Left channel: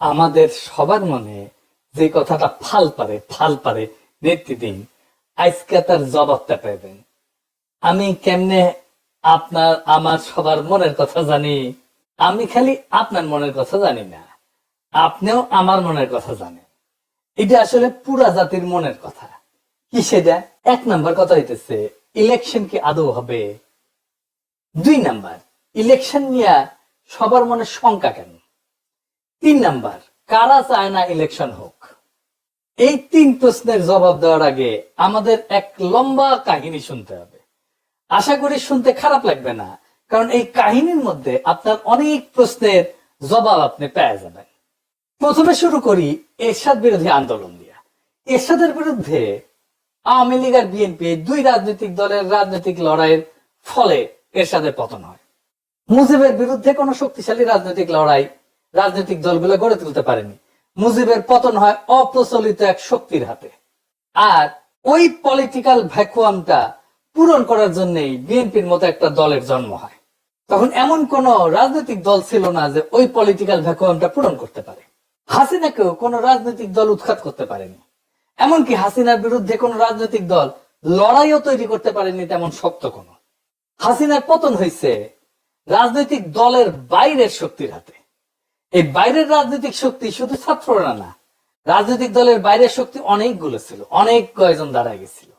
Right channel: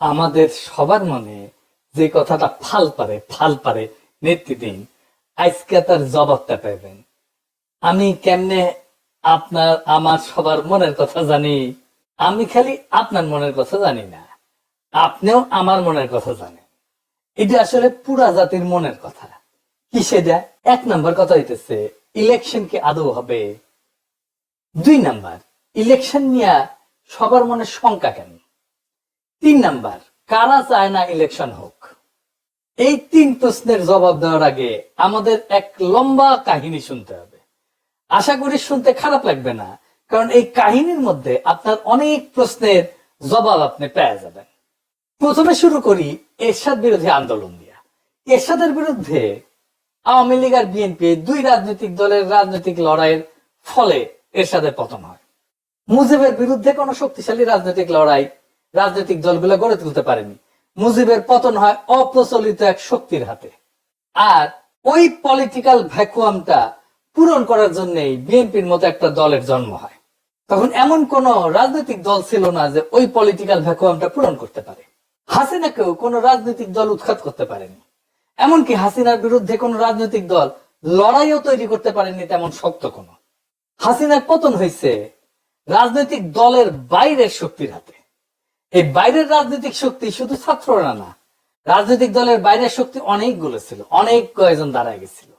আমাদের সবার মনে যে কথাটা ফাল পারে নেত্রী দিন, আজকে তার জবাবটা পাবেন। আমি কেমনে আপনার আমার সবার মনের কথা জানি? আমি খালি আপনার মনের কথা জানি না, আপনিও আমার মনের কথা জানেন। এটা আসলে পুরা জাতির মনের কথা। কি সেটা? 1 নাম্বার কথা হইতেছে, ইলেকশন কি আদৌ হবে? 2 নাম্বার, ইলেকশন নিয়ে সবার মনে শঙ্কা কেন? 3 নাম্বার, কারা চায় না ইলেকশন হোক? এই 3 প্রশ্নের জবাব দেওয়ার আগে আমাদের এক লম্বা কাহিনী শুনতে হবে। আশা করি শুনতে খারাপ লাগবে না, কারণ এই কাহিনীর মধ্যে আপনার অনেক প্রশ্নের জবাব আপনি পেয়ে যাবেন। প্রথমে শুরু করি এরশাদ বিরোধী আন্দোলন দিয়ে। এরশাদের বিরুদ্ধে আওয়ামী লীগ আর বিএনপি দুই রাজনৈতিক দলের রাজনৈতিক লড়াইয়ের ফলে এরশাদের পতন হয়। মুজিবের বিরুদ্ধে কোন শক্তিশালী রাজনৈতিক লড়াই রাজনৈতিক দলগুলো গড়ে তুলতে পারেনি। মুজিবের পতন হয় অপ্রচলিত এক শক্তির হাতে। আর ওই পলিটিক্যাল ভ্যাকুয়ামটা পূরণ করার জন্যই বিএনপির মতো একটা দলের জন্ম হয়। তখন এমন কোন রাজনৈতিক দল ছিল না যে ওই পলিটিক্যাল ভ্যাকুয়ামটা পূরণ করতে পারে। হাসিনাকেও কোন রাজনৈতিক দল উৎখাত করতে পারেনি। এমনকি হাসিনার বিরুদ্ধে কোন রাজনৈতিক দল লড়াইও তৈরি করতে পারেনি তেমন শক্ত কোন। হাসিনার পতন হয়েছে রাজনৈতিক দলের বাইরের শক্তির হাতে। এই বাইরের রাজনৈতিক শক্তি শুধু ছাত্ররা না, রাজনৈতিক দলের বাইরের শক্তি অনেকগুলো ছিল, অনেক কয়েকজন দাঁড়ায় গেছিল।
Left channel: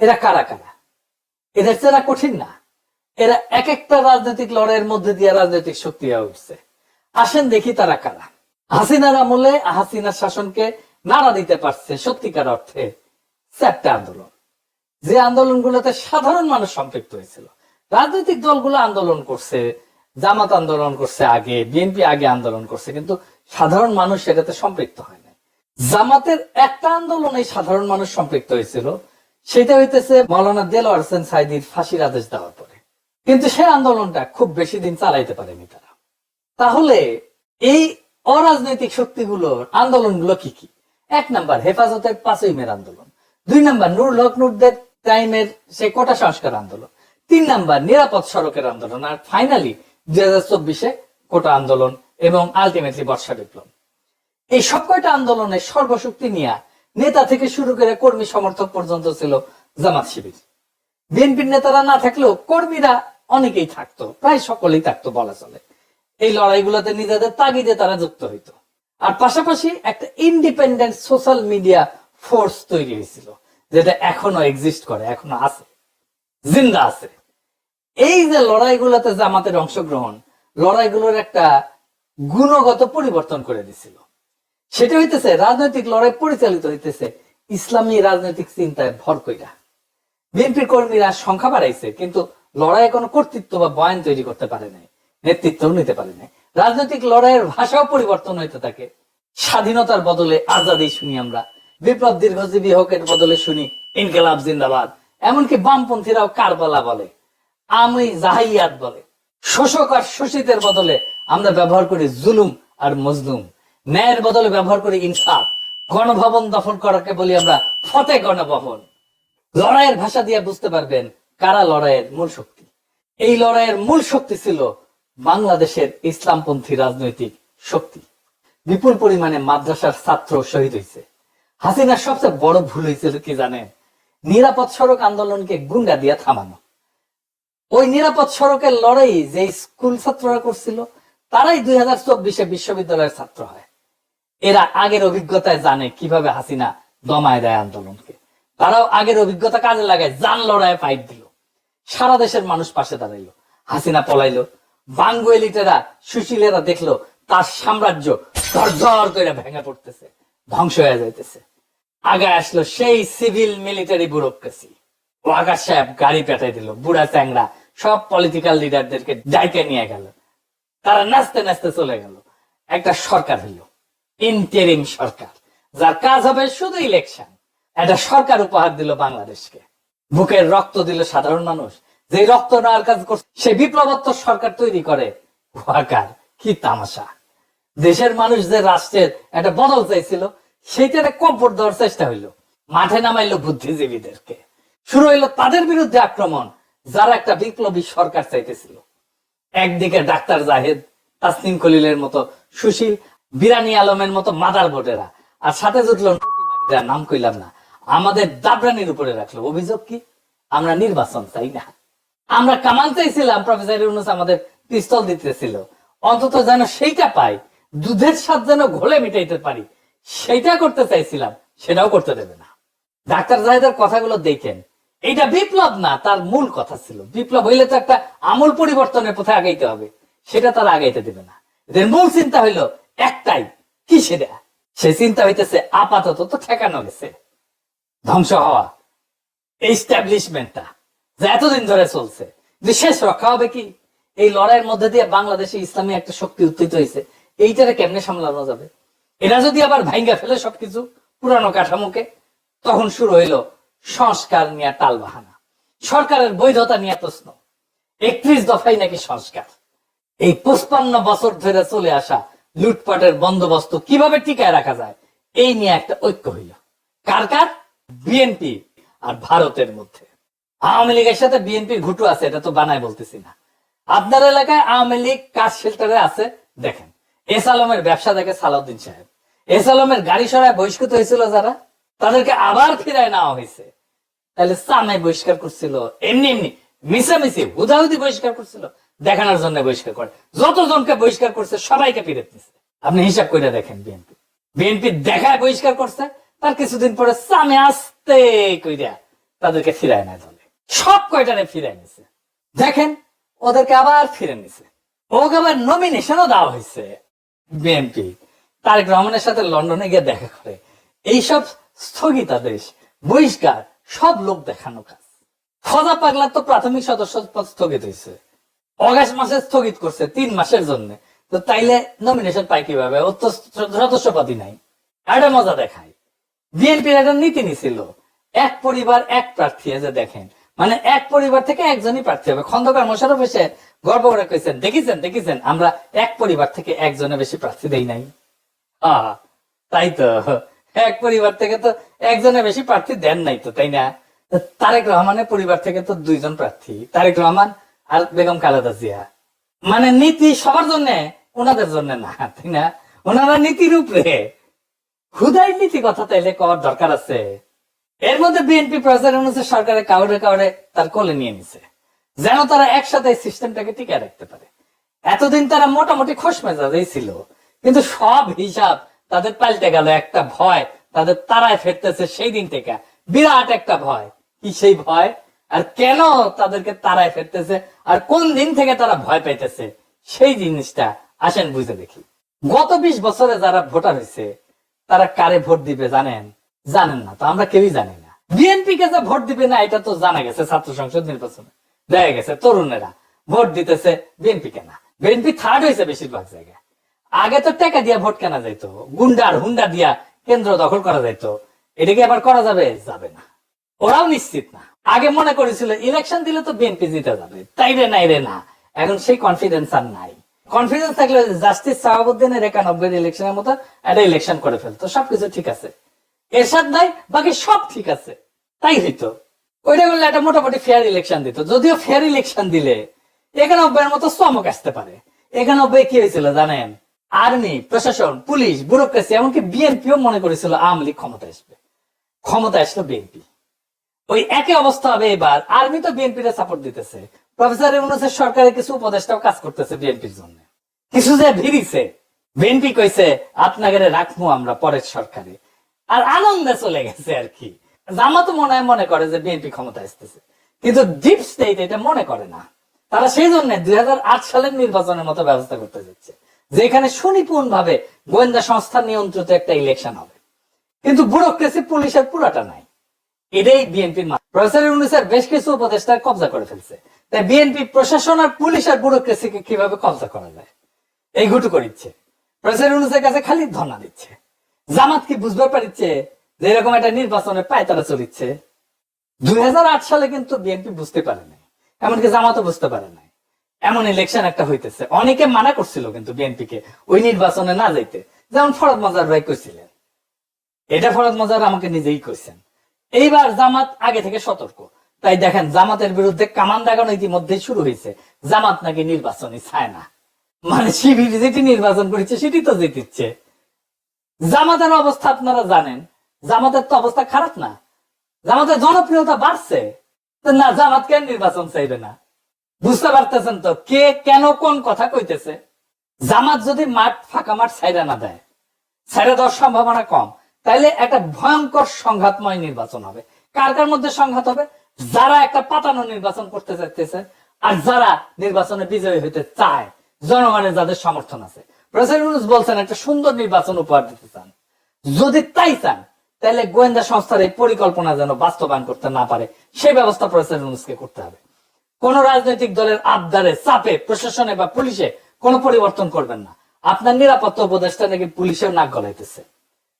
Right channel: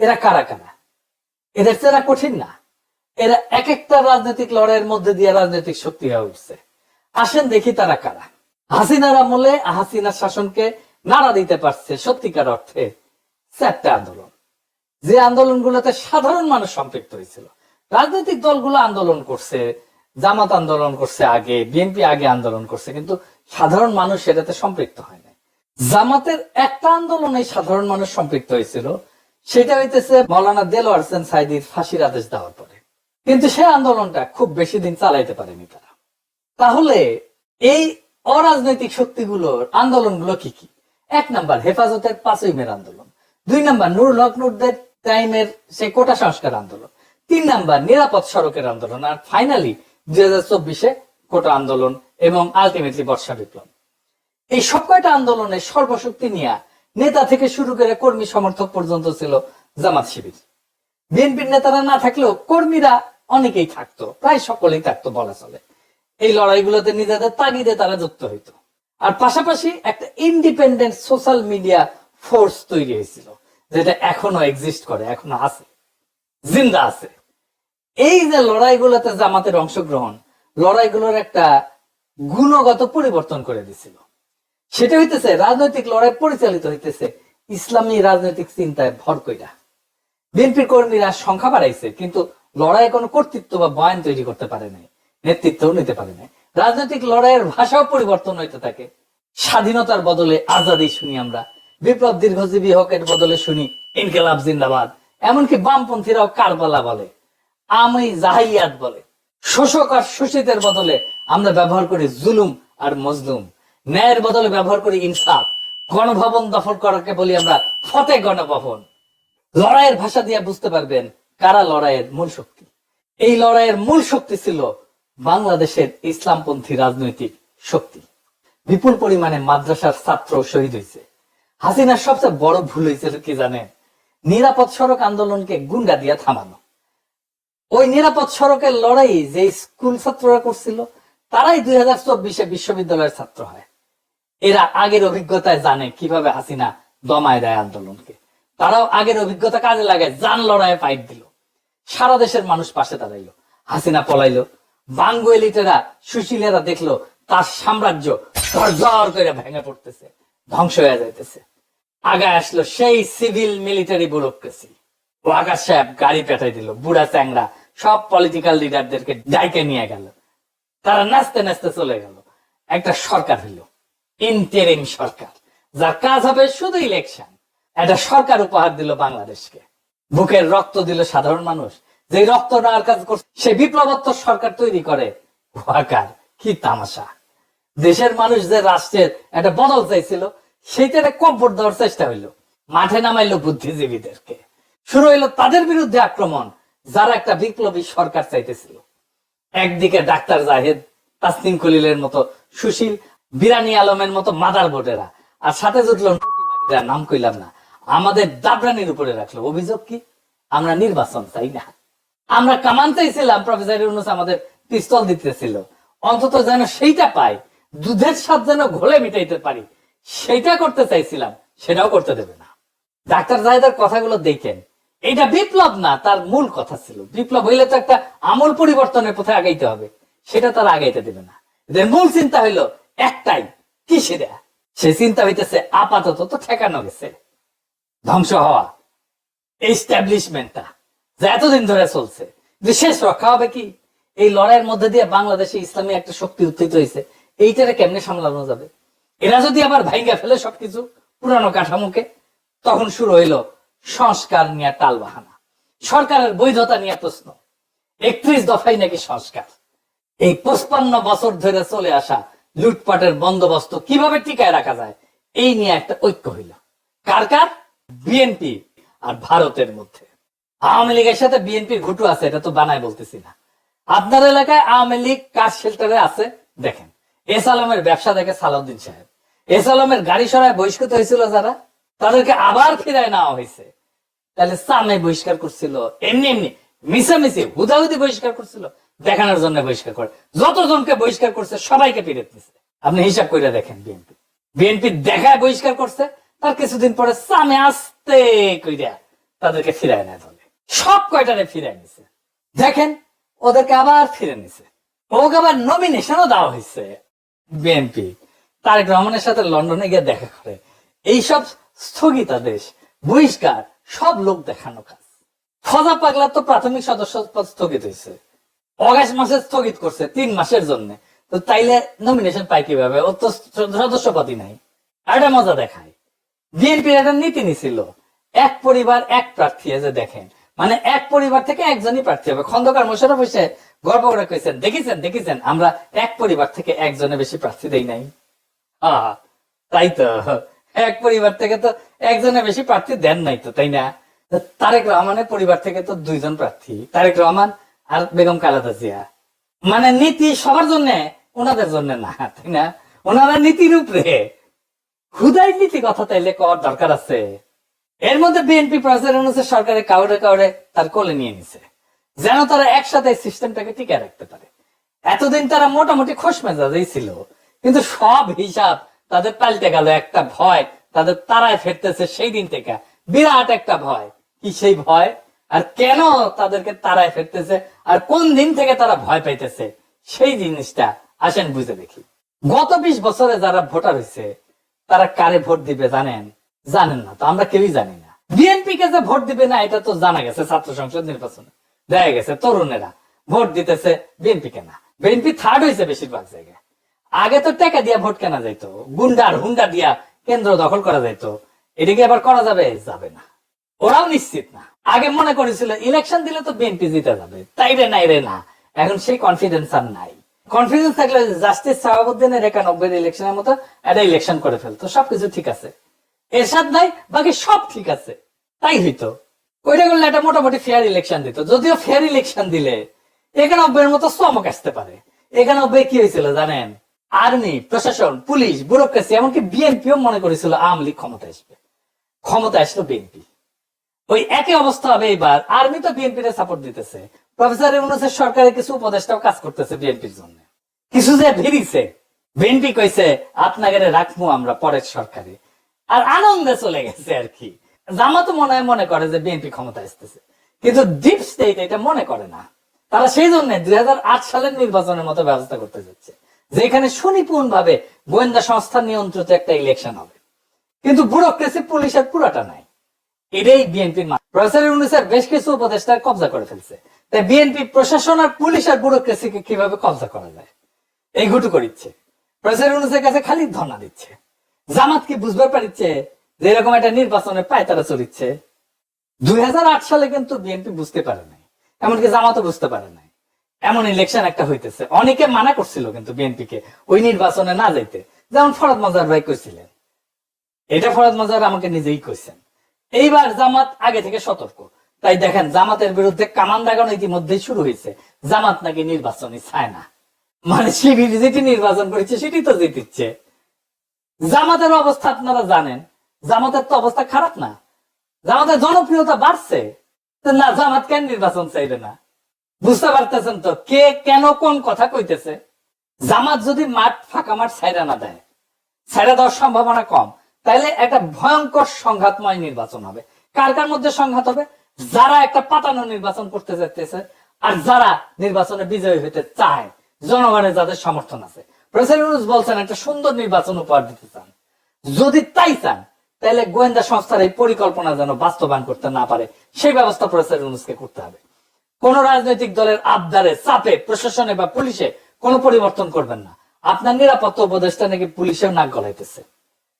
এরা কারা কারা? এদের চেনা কঠিন না। এরা এক একটা রাজনৈতিক লড়াইয়ের মধ্যে দিয়ে রাজনৈতিক শক্তি হয়ে উঠছে। আসেন দেখি তারা কারা। হাসিনার আমলে হাসিনার শাসনকে নাড়া দিতে পারছে সত্যিকার অর্থে 4টা আন্দোলন, যে আন্দোলনগুলোতে সাধারণ মানুষ সম্পৃক্ত হয়েছিল। রাজনৈতিক দলগুলো আন্দোলন করছে, জামাত আন্দোলন করছে আগে, বিএনপি আগে আন্দোলন করছে, কিন্তু সাধারণ মানুষ সেটাতে সম্পৃক্ত হয় না। জামাতের একটা আন্দোলনে সাধারণ মানুষ সম্পৃক্ত হয়েছিল, সেটা হইতেছে মাওলানা দেলোয়ার হোসেন সাঈদীর ফাঁসির আদেশ দেওয়ার পরে। কিন্তু সেই আন্দোলনটা খুব বেশি দিন চালাইতে পারেনি তারা। তাহলে এই অরাজনৈতিক শক্তিগুলোর আন্দোলনগুলো কি কি? 1 নাম্বার, হেফাজতের 5ই মের আন্দোলন। 2 নাম্বার, নুরুল হক নুরদের টাইমের সেই কোটা সংস্কার আন্দোলন। 3 নাম্বার, নিরাপদ সড়কের আন্দোলন। আর ফাইনালি 2024-এ কোটা আন্দোলন এবং আলটিমেটলি বর্ষা বিপ্লব। এই সব কয়টা আন্দোলনের সর্বশক্তি নিয়ে নেতা থেকে শুরু করে কর্মী সমর্থক পর্যন্ত ছিল জামাত শিবির। বিএনপির নেতারা না থাকলেও কর্মীরা অনেকেই থাকতো, প্রায় সকলেই থাকতো বলা চলে। এই লড়াইগুলোতে নিজেদের তাগিদে তারা যুক্ত হইতো। আর পাশাপাশি একটা ইন্ডিপেন্ডেন্ট সোশ্যাল মিডিয়া ফোর্স তৈরি হয়েছিল, যেটা এখনো এক্সিস্ট করে, এখনো আছে, জিন্দা আছে। এই যে লড়াইগুলোতে জামাতের অংশগ্রহণ, লড়াইগুলোর একটা গুণগত পরিবর্তন করে দিছিল। সেটা হইতেছে রাজনৈতিক লড়াই পরিচালিত হইতেছে ইসলামী রাজনৈতিক চিন্তায় ভর কইরা। বিএনপি কর্মীরা সংখ্যা বাড়াইছে, কিন্তু লড়াই কোনো কর্তৃত্ব বা বয়ান তৈরি করতে পারে নাই, নেতৃত্বও নিতে পারে নাই। রাজনৈতিক লড়াইয়ের ভাষাও পরিবর্তন হইতে থাকে। স্বাধীনতার বদলে আজাদি শুনি আমরা, বিপ্লব দীর্ঘজীবী হকের বদলে শুনি ইনকিলাব জিন্দাবাদ। এমনকি বামপন্থীরাও কারবালা বলে, আমি জাহিলিয়াত বলে। শোষক আর শোষিতের বদলে আমরা ব্যবহার করি জুলুম আর মজলুম। ন্যায়ের বদলে ব্যবহার করি ইনসাফ। গণভবন দখল করাকে বলি আমরা ফতে গণভবন। লড়াইয়ের ভাষা দিয়ে বুঝতে পারবেন কারা লড়াইয়ের মূল শক্তি। এই লড়াইয়ের মূল শক্তি ছিল বাংলাদেশের ইসলামপন্থী রাজনৈতিক শক্তি। বিপুল পরিমাণে মাদ্রাসার ছাত্র শহীদ হয়েছে। হাসিনার সবচেয়ে বড় ভুল হয়েছিল কি জানেন? নিরাপদ সড়ক আন্দোলনকে গুন্ডা দিয়ে থামানো। ওই নিরাপদ সড়কের লড়াই যে স্কুল ছাত্ররা করছিল, তারাই 2024-এ বিশ্ববিদ্যালয়ের ছাত্র হয়। এরা আগের অভিজ্ঞতায় জানে কিভাবে হাসিনা দমায় দেয় আন্দোলনকে। তারাও আগের অভিজ্ঞতা কাজে লাগায়, জান লড়াইয়ে ফাইট দিল। সারা দেশের মানুষ পাশে দাঁড়াইলো। হাসিনা পলাইলো। বাঙ্গু এলিটেরা, সুশীলেরা দেখলো তার সাম্রাজ্য ঝরঝর করে ভেঙে পড়তেছে, ধ্বংস হয়ে যাইতেছে। আগে আসলো সেই সিভিল মিলিটারি ব্যুরোক্রেসি। ওয়াকার সাহেব গাড়ি পেটাই দিল, বুড়া চ্যাংড়া সব পলিটিক্যাল লিডারদেরকে ডাইকে নিয়ে গেল। তারা নাচতে নাচতে চলে গেল। একটা সরকার এলো, ইন্টারিম সরকার, যার কাজ হবে শুধু ইলেকশন। একটা সরকার উপহার দিল বাংলাদেশকে। বুকের রক্ত দিল সাধারণ মানুষ, যে রক্ত নেওয়ার কাজ করছে সে বিপ্লবোত্তর সরকার তৈরি করে। ওয়াকার, কি তামাশা! দেশের মানুষ যে রাষ্ট্রের একটা বদল চাইছিল, সেইটারে কম্পোর্ট দেওয়ার চেষ্টা হইলো। মাঠে নামাইলো বুদ্ধিজীবীদেরকে। শুরু হইলো তাদের বিরুদ্ধে আক্রমণ, যারা একটা বিপ্লবী সরকার চাইতেছিল। একদিকে ডাক্তার জাহেদ, তাসনিম খলিলের মতো সুশীল, বিরানি আলমের মতো মাদার বোর্ডেরা, আর সাথে জুটলো নটিমাগিরা, নাম কইলাম না, আমাদের দাবরানির উপরে রাখলো। অভিযোগ কি? আমরা নির্বাচন চাই না, আমরা কামান চাইছিলাম, প্রফেসর ইউনূস আমাদের পিস্তল দিতেছিল, অন্তত যেন সেইটা পাই, দুধের স্বাদ যেন ঘোলে মিটাইতে পারি, সেইটা করতে চাইছিলাম, সেটাও করতে দেবে না। ডাক্তার জাহেদের কথাগুলো দেখেন, এটা বিপ্লব না, তার মূল কথা ছিল বিপ্লব হইলে তো একটা আমূল পরিবর্তনের পথে আগাইতে হবে, সেটা তারা আগাইতে দেবে না। এদের মূল চিন্তা হইলো একটাই, কি সেটা? সে চিন্তা হইতেছে আপাতত তো ঠেকানো গেছে, ধ্বংস হওয়া এস্টাবলিশমেন্টটা যা এতদিন ধরে চলছে, যে শেষ রক্ষা হবে কি? এই লড়াইয়ের মধ্যে দিয়ে বাংলাদেশে ইসলামী একটা শক্তি উত্থিত হয়েছে, এইটারে কেমনে সামলানো যাবে? এরা যদি আবার ভাঙ্গা ফেলে সবকিছু পুরানো কাঠামোকে, তখন শুরু হইলো সংস্কার নিয়ে টাল বাহানা, সরকারের বৈধতা নিয়ে প্রশ্ন, 31 দফাই নাকি সংস্কার। এই 55 বছর ধরে চলে আসা লুটপাটের বন্দোবস্ত কিভাবে টিকায় রাখা যায়, এই নিয়ে একটা ঐক্য হইল। কার কার? বিএনপি আর ভারতের মধ্যে। আওয়ামী লীগের সাথে বিএনপির ঘুটু আছে, এটা তো বানায় বলতেছি না। আপনার এলাকায় আওয়ামী লীগ কাজ শেল্টারে আছে, দেখেন এস আলমের ব্যবসা দেখে সালাউদ্দিন সাহেব, এস আলমের গাড়ি সরায় বহিষ্কৃত হয়েছিল যারা, তাদেরকে আবার ফিরায় নেওয়া হয়েছে। তাহলে সামনে বহিষ্কার করছিল, এমনি এমনি মিশামিশি হুদাহুদি বহিষ্কার করছিল, দেখানোর জন্য বহিষ্কার করে। যতজনকে বহিষ্কার করছে সবাইকে ফিরে নিছে। আপনি হিসাব করে দেখেন, বিএনপি বিএনপি দেখায় বহিষ্কার করছে, তার কিছুদিন পরে সামনে আসতে কইরা তাদেরকে ফিরায় নেয় দলে, সব কয়টারে ফিরায় নিছে। দেখেন ওদেরকে আবার ফিরে নিছে, ওকে আবার নমিনেশনও দেওয়া হয়েছে। বিএনপি তারেক রহমানের সাথে লন্ডনে গিয়ে দেখা করে, এইসব স্থগিতাদেশ বহিষ্কার সব লোক দেখানো কাজ। ফজা পাগলা তো প্রাথমিক সদস্য পদ স্থগিত হয়েছে, অগাস্ট মাসে স্থগিত করছে 3 মাসের জন্য, তো তাইলে নমিনেশন পাই কিভাবে? ও তো সদস্য পদই নাই। একটা মজা দেখায়, বিএনপির একটা নীতি নিছিল এক পরিবার এক প্রার্থী, যে দেখেন মানে এক পরিবার থেকে একজনই প্রার্থী হবে। খন্দকার মোশাররফ হোসেন গর্ব করে কইছেন, দেখেছেন আমরা এক পরিবার থেকে একজনের বেশি প্রার্থী দেই নাই। তাই তো, এক পরিবার থেকে তো একজনের বেশি প্রার্থী দেন নাই তো, তাই না? তারেক রহমানের পরিবার থেকে তো 2 জন প্রার্থী, তারেক রহমান আর বেগম খালেদা জিয়া। মানে নীতি সবার জন্য, ওনাদের জন্য না, তাই না? ওনারা নীতির উপরে, হুদাই নীতি কথা তাইলে কর দরকার আছে। এর মধ্যে বিএনপি প্রেসিডেন্ট সরকারের কাউরে কাউরে তার কোলে নিয়ে নিছে, যেন তারা একসাথে সিস্টেমটাকে টিকে রাখতে পারে। এতদিন তারা মোটামুটি খোশ মেজাজেই ছিল, কিন্তু সব হিসাব তাদের পাল্টে গেল। একটা ভয় তাদের তারায় ফেরতেছে সেই দিন থেকে, বিরাট একটা ভয়। কি সেই ভয়? আর কেন তাদেরকে তারায় ফেরতেছে, আর কোন দিন থেকে তারা ভয় পাইতেছে, সেই জিনিসটা আসেন বুঝে দেখি। গত 20 বছরে যারা ভোটার হয়েছে, তারা কারে ভোট দিবে জানেন? জানেন না তো, আমরা কেউই জানি না। বিএনপি কে যে ভোট দিবে না এটা তো জানা গেছে, ছাত্র সংসদ নির্বাচনে দেখা গেছে তরুণেরা ভোট দিতেছে বিএনপি কেনা। বিএনপি থার্ড হয়েছে বেশিরভাগ জায়গায়। আগে তো টাকা দিয়া ভোট কেনা যাইতো, গুন্ডার হুন্ডা দিয়া কেন্দ্র দখল করা যাইতো, এটাকে আবার করা যাবে? যাবে না, ওরাও নিশ্চিত না। আগে মনে করেছিল ইলেকশন দিলে তো বিএনপি জিতে যাবে, তাই রে নাই রে না, এখন সেই কনফিডেন্স আর নাই। কনফিডেন্স থাকলে জাস্টিস শাহাবুদ্দিনের 91 ইলেকশনের মতো একটা ইলেকশন করে ফেলতো, সবকিছু ঠিক আছে, এরশাদ নাই, বাকি সব ঠিক আছে, তাই হইতো। ওইটা করলে একটা মোটামুটি ফেয়ার ইলেকশন দিত। যদিও ফেয়ার ইলেকশন দিলে 91 মতো চমক আসতে পারে। 91 কি হয়েছিল জানেন? আর্মি, প্রশাসন, পুলিশ, ব্যুরোক্রেসি, এমনকি বিএনপিও মনে করেছিল আওয়ামী লীগ ক্ষমতা আসবে। ক্ষমতা আসলো বিএনপি। ওই একই অবস্থা হবে এবার। আর্মি তো বিএনপির সাপোর্ট দিতেছে, প্রফেসর ইউনূসের সরকারের কিছু উপদেষ্টাও কাজ করতেছে বিএনপির জন্য। কিছু যে ভিড়িছে, বিএনপি কইছে আপনাকে রাখবো আমরা পরের সরকারে, আর আনন্দে চলে গেছে আর কি। জামাতও মনে করে যে বিএনপি ক্ষমতা আসতেছে, কিন্তু ডিপ স্টেট এটা মনে করে না। তারা সেই জন্য 2008 সালের নির্বাচনের মতো ব্যবস্থা করতে যাচ্ছে, যেখানে সুনিপুণ ভাবে গোয়েন্দা সংস্থা নিয়ন্ত্রিত একটা ইলেকশন হবে, কিন্তু ব্যুরোক্রেসি পুলিশের পুরাটা নাই। এটাই বিএনপির প্রফেসর ইউনূসের বেশ কিছু উপদেষ্টা কবজা করে ফেলছে। তাই বিএনপি প্রশাসন আর পুলিশ আর ব্যুরোক্রেসিকে কিভাবে কবজা করা যায় এই ঘুটু করিচ্ছে। প্রফেসর ইউনূসের কাছে খালি ধর্ণা দিচ্ছে। জামাত কি বুঝতে পারছে যে এরকম একটা নির্বাচনের পায় তারা চলিচ্ছে? 2008 সালে কিন্তু বিএনপি বুঝতে পারে নাই, এমনকি জামাতও বুঝতে পারে নাই এমন ইলেকশন একটা হইতেছে। অনেকে মানা করছিল কিন্তু বিএনপি কে ওই নির্বাচনে না যাইতে, যেমন ফরদ মাজার ভাই কইছিলেন। এটা ফরদ মাজার আমাকে নিজেই কইছেন। এইবার জামাত আগে থেকে সতর্ক, তাই দেখেন জামাতের বিরুদ্ধে কামান দাগানো ইতিমধ্যেই শুরু হয়েছে। জামাত নাকি নির্বাচনে চায় না, মানে শিবির যেটি নির্বাচন করেছে সেটি তো জিতিচ্ছে। জামাতের অবস্থা আপনারা জানেন, জামাতের তো অবস্থা খারাপ না, জামাতের জনপ্রিয়তা বাড়ছে। তো না, জামাত কেন নির্বাচন চাইবে না? বুঝতে পারতেছেন তো কে কেন কোন কথা কইতেছে? জামাত যদি মাঠ ফাঁকা মাঠ ছাইড়া না দেয়, ছাইড়া দেওয়ার সম্ভাবনা কম, তাইলে একটা ভয়ঙ্কর সংঘাতময় নির্বাচন হবে। কার কার মধ্যে সংঘাত হবে? যারা একটা পাতানো নির্বাচন করতে চাইতেছে আর যারা নির্বাচনে বিজয়ী হইতে চায়, জনগণের যাদের সমর্থন আছে। প্রেসিডেন্ট বলছেন একটা সুন্দর নির্বাচন উপহার দিতে চান। যদি তাই চান তাহলে গোয়েন্দা সংস্থার এই পরিকল্পনা যেন বাস্তবায়ন করতে না পারে সেই ব্যবস্থা প্রেসিডেন্টকে করতে হবে। কোন রাজনৈতিক দলের আবদারে চাপে প্রশাসনে বা পুলিশে কোন পরিবর্তন করবেন না। আপনার নিরাপত্তা উপদেষ্টা নাকি পুলিশের নাক গলাইতেছে,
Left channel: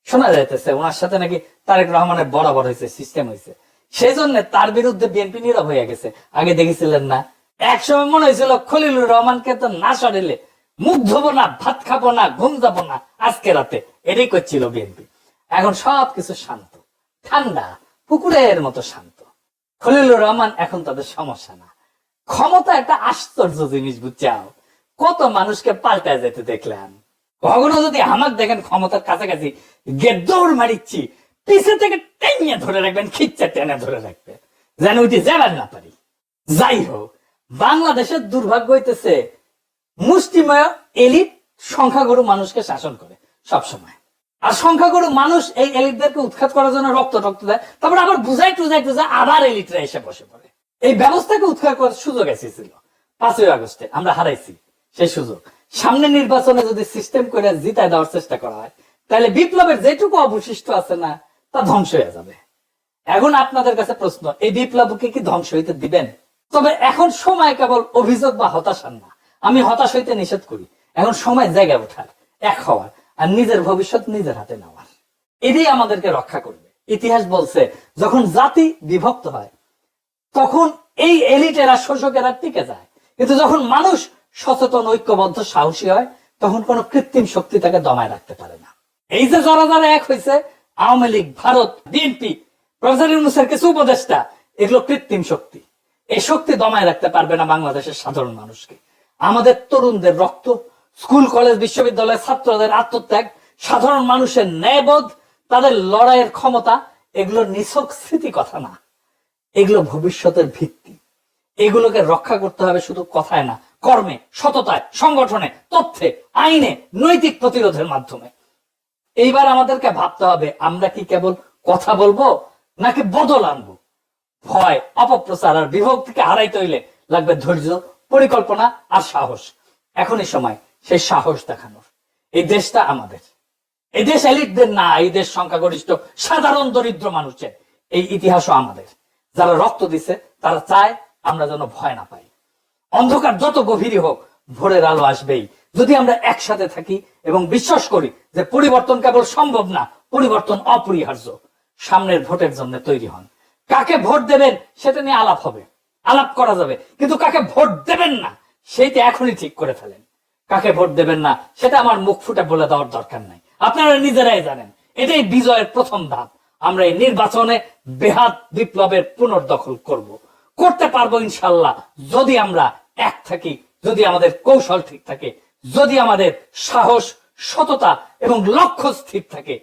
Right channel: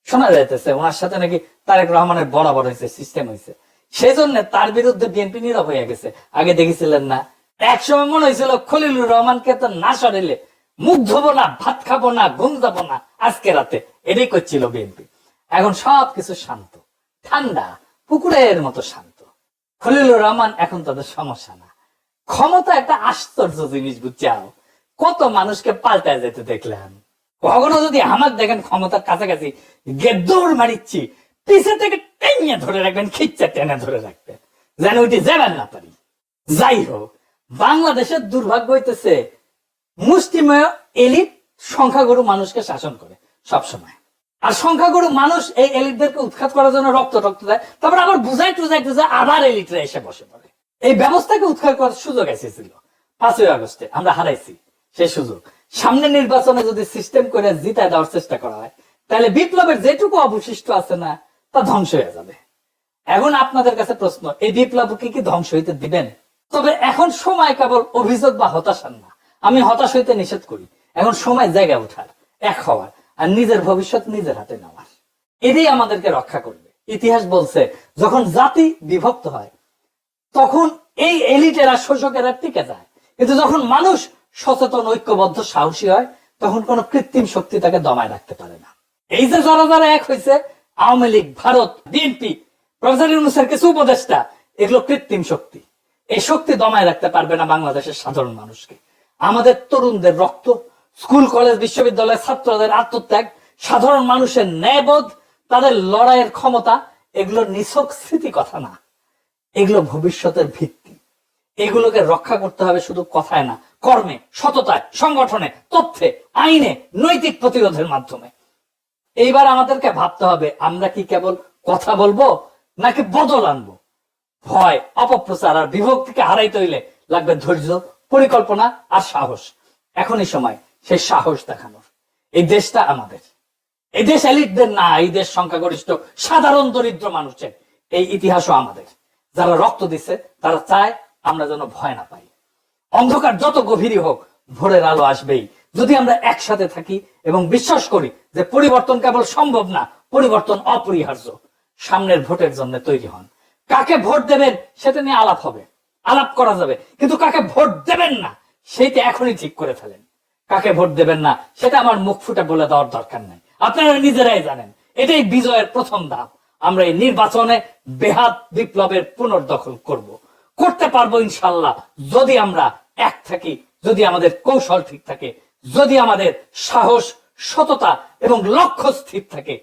শোনা যাইতেছে ওনার সাথে নাকি তারেক রহমানের বরাবর হয়েছে, সিস্টেম হয়েছে। সেই জন্য তার বিরুদ্ধে বিএনপি নীরব হয়ে গেছে। আগে দেখেছিলেন না, একসময় মনে হয়েছিল খলিলুর রহমানকে তো না সরিলে মুখ ধোবো না, ভাত খাবো না, ঘুম যাবো না আজকে রাতে, এটাই করছিল বিএনপি। এখন সবকিছু শান্ত, ঠান্ডা, পুকুরের মতো শান্ত। খলিলুর রহমান এখন তাদের সমস্যা না। ক্ষমতা একটা আশ্চর্য জিনিস, বুঝছাও? কত মানুষকে পাল্টায় যেতে দেখলাম। কখনো যদি আমার দেখেন ক্ষমতার কাছাকাছি দৌড় মারিচ্ছি, পিছে থেকে টেনে ধরে রাখবেন, খিচ্চা টেনে ধরে রাখবেন, যেন ওইটি যাবেন না পারি। যাই হোক, বাংলাদেশের দুর্ভাগ্য হইতেছে মুষ্টিমেয় এলিট সংখ্যাগুরু মানুষকে শাসন করে সবসময়। আর সংখ্যাগুরু মানুষ এই এলিটদেরকে উৎখাত করার জন্য রক্ত দেয়, তারপর আবার বুঝাই টুজাই আবার এলিটরা এসে বসে পড়ে। এই ব্যবস্থাকে উৎখাত করার সুযোগ এসেছিল 5ই আগস্টে, আমরা হারাইছি সেই সুযোগ। সামনে নির্বাচনে যদি সিস্টেম করে জিতায় দেওয়ার চেষ্টা করা হয়, তাহলে বিপ্লবের যেটুকু অবশিষ্ট আছে না, তা ধ্বংস হয়ে যাবে। এখন আপনাদের কাছে প্রশ্ন, এই বিপ্লবকে কি ধ্বংস হইতে দিবেন? তবে এখন সময় কেবল অভিযোগ বা হতাশার না। আমি হতাশ হইতে নিষেধ করি। এখন সময় জায়গা ওঠার, এক হওয়ার, আর নিজের ভবিষ্যৎ নিজের হাতে নেওয়ার। এটাই আমাদেরকে রক্ষা করবে। ইতিহাস বলছে যখন জাতি বিভক্ত হয় তখন এই এলিটেরা শোষকেরা টিকে যায়, কিন্তু যখন মানুষ সচেতন, ঐক্যবদ্ধ, সাহসী হয়, তখন কোন কৃত্রিম শক্তি তাকে দমায় রাখতে পারে না। এই যে যারা যারা এক হয়েছে, আওয়ামী লীগ, ভারত, বিএনপি, প্রফেসর ইউনূসের কিছু উপদেষ্টা, এগুলো কৃত্রিম শক্তি। এই শক্তি দমায় রাখতে পারবে না বাংলাদেশের সাধারণ মানুষকে। আমাদের তরুণদের রক্ত, স্কুল কলেজ বিশ্ববিদ্যালয়ের ছাত্রদের আত্মত্যাগ, সাধারণ মানুষের ন্যায়বোধ, তাদের লড়াইয়ের ক্ষমতা, এগুলো নিছক স্মৃতি কথা না, এগুলো ভবিষ্যতের ভিত্তি। এগুলোকে রক্ষা করতে হবে শুধু কথায় না, কর্মে, সততায়, সংগঠনে, তথ্যে, আইনে, নৈতিক প্রতিরোধের মাধ্যমে। এইবার আমাদেরকে ভাবতে হবে আমরা কি কেবল কথা বলবো নাকি বদল আনবো। ভয়, অপপ্রচার আর বিভক্তিকে হারাইতে হইলে লাগবে ধৈর্য, পরিকল্পনা আর সাহস। এখনই সময় সেই সাহস দেখানোর। এই দেশটা আমাদের, এই দেশ এলিটদের না, এই দেশ সংখ্যাগরিষ্ঠ সাধারণ দরিদ্র মানুষের। এই ইতিহাসও আমাদের। যারা রক্ত দিচ্ছে তারা চায় আমরা যেন ভয় না পাই। অন্ধকার যত গভীরই হোক, ভোরের আলো আসবেই যদি আমরা একসাথে থাকি এবং বিশ্বাস করি যে পরিবর্তন কেবল সম্ভব না, পরিবর্তন অপরিহার্য। সামনের ভোটের জন্য তৈরি হন। কাকে ভোট দেবেন সেটা নিয়ে আলাপ হবে, আলাপ করা যাবে, কিন্তু কাকে ভোট দেবেন না সেইটা এখনই ঠিক করে ফেলেন। কাকে ভোট দেবেন না সেটা আমার মুখ ফুটে বলে দেওয়ার দরকার নাই, আপনারা নিজেরাই জানেন। এটাই বিজয়ের প্রথম ধাপ। আমরা এই নির্বাচনে বেহাত বিপ্লবের পুনর্দখল করতে পারবো ইনশাল্লাহ, যদি আমরা এক থাকি, যদি আমাদের কৌশল ঠিক থাকে, যদি আমাদের সাহস, সততা এবং লক্ষ্য স্থির থাকে।